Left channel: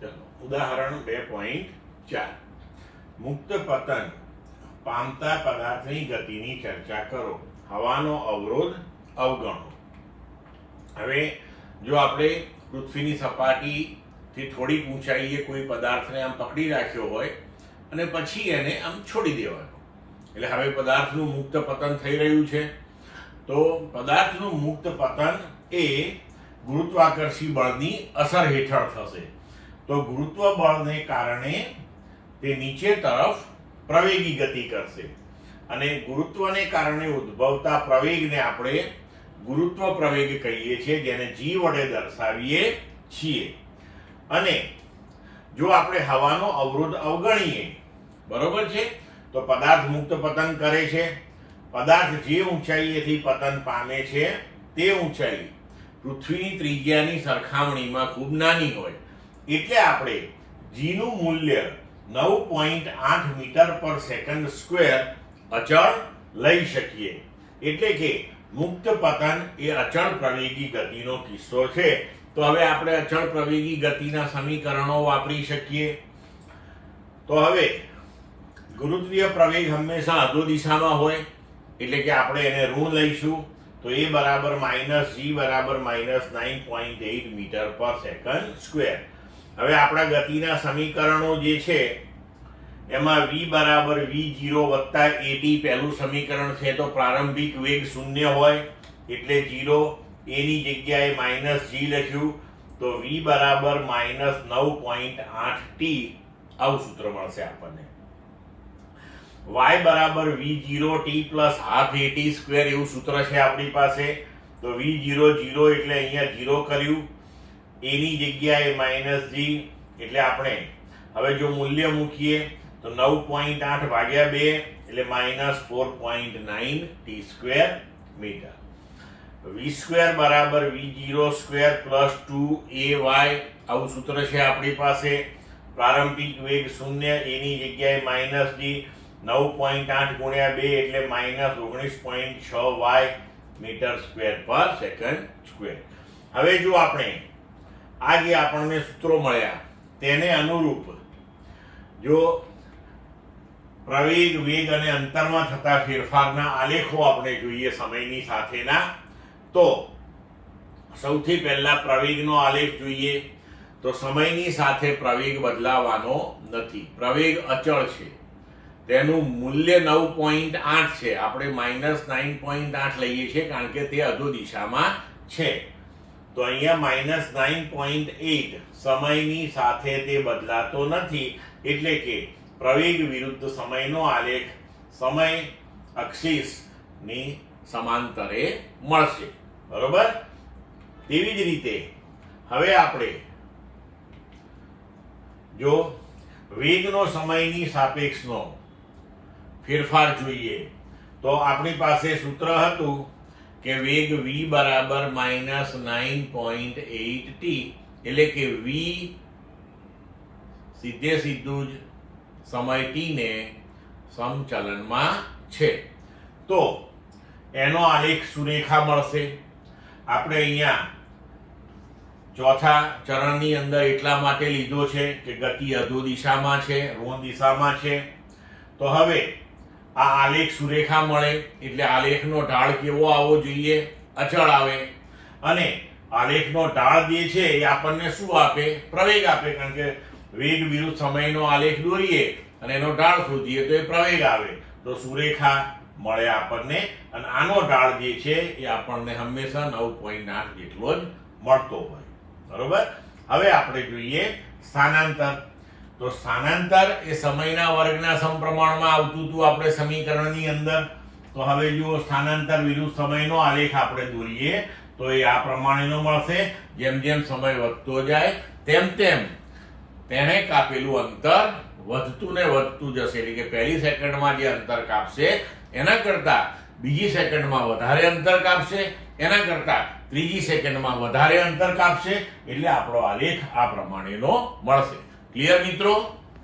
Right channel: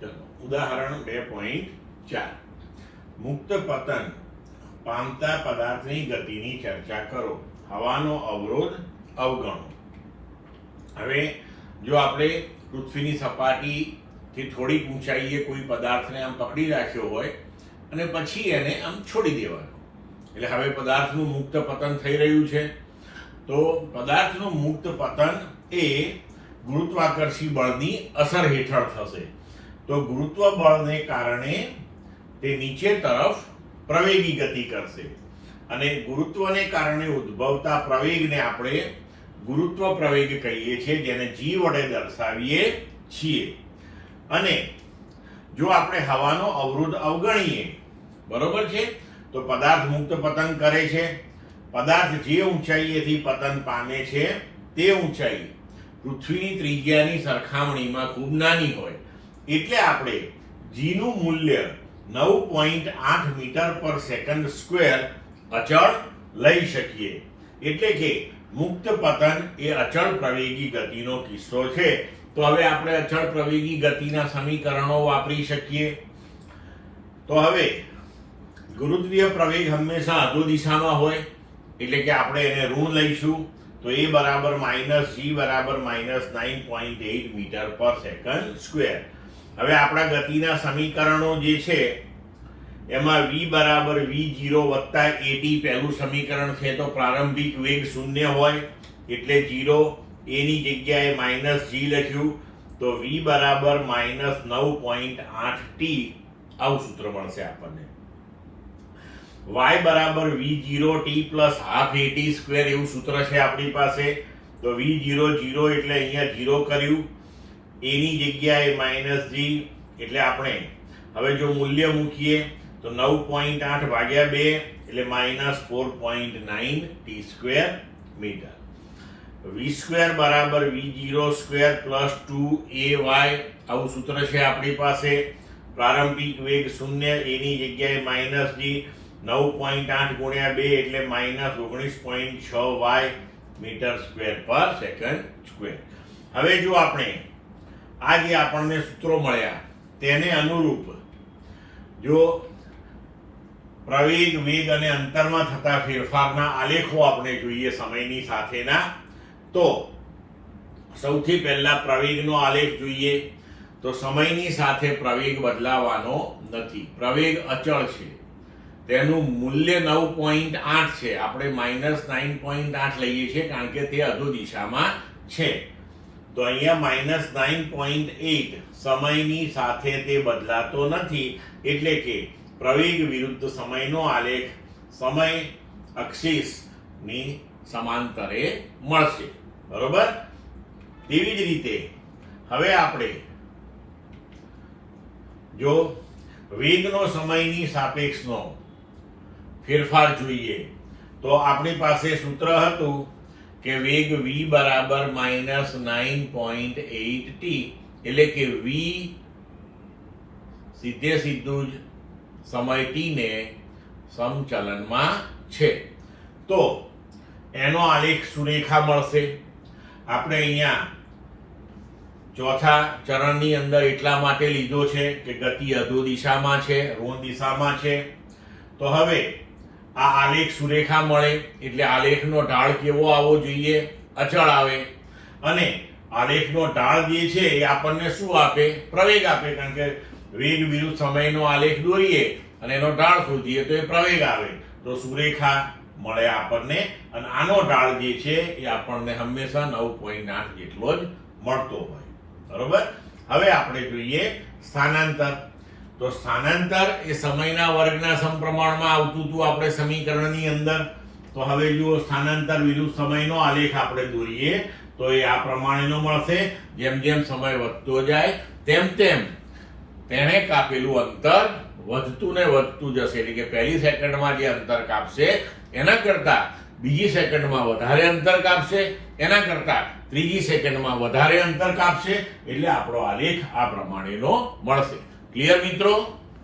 ચલો ઉદાહરણ 2.4 મુક્ત પતન પામતા પદાર્થની ગતિની ચર્ચા કરો, હવાનો અવરોધ અવગણો. હવે જો આપણે પૃથ્વીની સપાટીથી થોડીક ઊંચાઈએ કોઈ પદાર્થને આમ પકડી રાખ્યો હોય અને પછી એને આમ છોડી દેવાનો, એટલે હવે પદાર્થનું મુક્ત પતન થઈ રહ્યું છે. તો પદાર્થનું મુક્ત પતન એ ગુરુત્વાકર્ષી બળની અસર હેઠળ થશે. તો ગુરુત્વ બળને કારણે તે નીચે તરફ પ્રવેગી ગતિ કરશે અને ગુરુત્વને કારણે ઉદ્ભવતા પ્રવેગને આપણે ગુરુત્વ પ્રવેગ કહીએ છીએ, જેને g વડે દર્શાવીએ છીએ. અને જો આપણે હવાનો અવરોધ અવગણીએ, બરોબર છે, તો પદાર્થ મુક્ત પતન કરે છે. પદાર્થ જે ઊંચાઈએથી પતન પામે છે તે ઊંચાઈ પૃથ્વીની ત્રિજ્યાની સરખામણીમાં ખૂબ નાની હોય, એટલે આપણે g નું મૂલ્ય 9.8 મીટર પર સેકન્ડ સ્ક્વેર અચળ લઈ શકીએ. એટલે કે મુક્ત પતન એ અચળ પ્રવેગી ગતિનો કિસ્સો છે. તો હવે આપણે અચળ પ્રવેગી ગતિના સમીકરણો વાપરી શકીએ. તો હવે ગુરુત્વીય પ્રવેગ હંમેશા અધો દિશામાં હોય, એટલે કે આપણે એને ઋણ લઈશું. તો એ બરાબર -g બરાબર -9.8 મીટર પર સેકન્ડ સ્ક્વેર. હવે આપણા ગતિના સમીકરણો જે છે એમાં v બરાબર v0 વત્તા at પહેલું સમીકરણ છે. તો પ્રારંભિક વેગ 0 હોય એટલે 0, a ની જગ્યાએ -g લખ્યું, તો v બરાબર -9.8t આવું સૂત્ર મળશે આપણને. y બરાબર v0t plus half at square એવું સૂત્ર છે આપણી પાસે. તો v0 0 એટલે અહીંયા 0 કર્યું, a ની જગ્યાએ -g એટલે આપણે હવે જો મૂલ્ય મૂકીએ તો 9.8 ભાગ્યા 2 એટલે -4.9 t square metre. v square બરાબર v0 સ્ક્વેર પ્લસ 2ay આવું સૂત્ર છે આપણી પાસે. પ્રારંભિક વેગ 0, a ની જગ્યાએ -g, 9.8 ગુણ્યા 2 એટલે -19.6y મીટર સ્ક્વેર પર સેકન્ડ સ્ક્વેર. હવે જો આપણે આ જે આપણને સૂત્રો મળ્યા તેને અનુરૂપ જો પ્રવેગ, વેગ અને અંતરમાં થતા ફેરફારના આલેખો આપણે જોઈએ સમયની સાથેના, તો સૌથી પહેલા પ્રવેગનો આલેખ જોઈએ. તો સમયની સાથે પ્રવેગ બદલાવાનો નથી, પ્રવેગ અચળ છે. તેનું મૂલ્ય 9.8 છે. આપણે -9.8 લઈએ છીએ કારણ કે તે અધો દિશામાં છે. તો અહીંયા -9.8 સમયની સાથે તે બદલાતો નથી, એટલે કે પ્રવેગ વિરુદ્ધ સમયનો આલેખ સમય અક્ષિસ ની સમાંતરે મળશે, બરોબર. તેવી જ રીતે હવે આપણે જો વેગનો સમયની સાપેક્ષનો ફેરફાર જોઈએ તો આપણી પાસે સૂત્ર હતું કે વેગ v બરાબર -9.8t, એટલે કે v સીધે સીધું જ સમય t ને સમચલનમાં છે. તો એનો આલેખ સુરેખા મળશે. આપણે અહીંયા ચોથા ચરણની અંદર એટલા માટે લીધો છે કે ગતિ અધો દિશામાં છે, ઋણ દિશામાં છે. તો હવે આ આલેખ સુરેખા મળે એટલે આલેખનો ઢાળ કેવો આવવો જોઈએ? અચળ આવે. અને આલેખનો ઢાળ જે છે એ આપણને શું આપે? પ્રવેગ આપે. કારણ કે વેગ વિરુદ્ધ સમયનો આલેખ દોરીએ અને એનો ઢાળ શોધીએ તો એ પ્રવેગ આવે. તો સુરેખા મળે આપણને, અને આનો ઢાળ જે છે એ આપણને હંમેશા 9.8 જેટલો જ મળતો હોય, બરોબર. હવે આપણે જોઈએ સ્થાનાંતર. તો સ્થાનાંતર એ સમયના વર્ગના સમપ્રમાણમાં આવતું હતું આપણે સમીકરણની અંદર. તો હવે જો સ્થાનાંતર વિરુદ્ધ સમયનો આલેખ આપણે દોરીએ તો એ આ પ્રમાણેનો મળશે. જેમ જેમ સમય વધતો જાય તેમ તેમ તેને કાપેલું અંતર વધતું ને વધતું જશે. એટલે કે પહેલી સેકન્ડમાં જે અંતર કાપશે એના કરતા બીજી સેકન્ડમાં વધારે અંતર કાપશે, એના કરતા ત્રીજી સેકન્ડમાં વધારે અંતર કાપશે. એટલે આપણો આલેખ આ પ્રમાણેનો મળશે. ક્લિયર મિત્રો?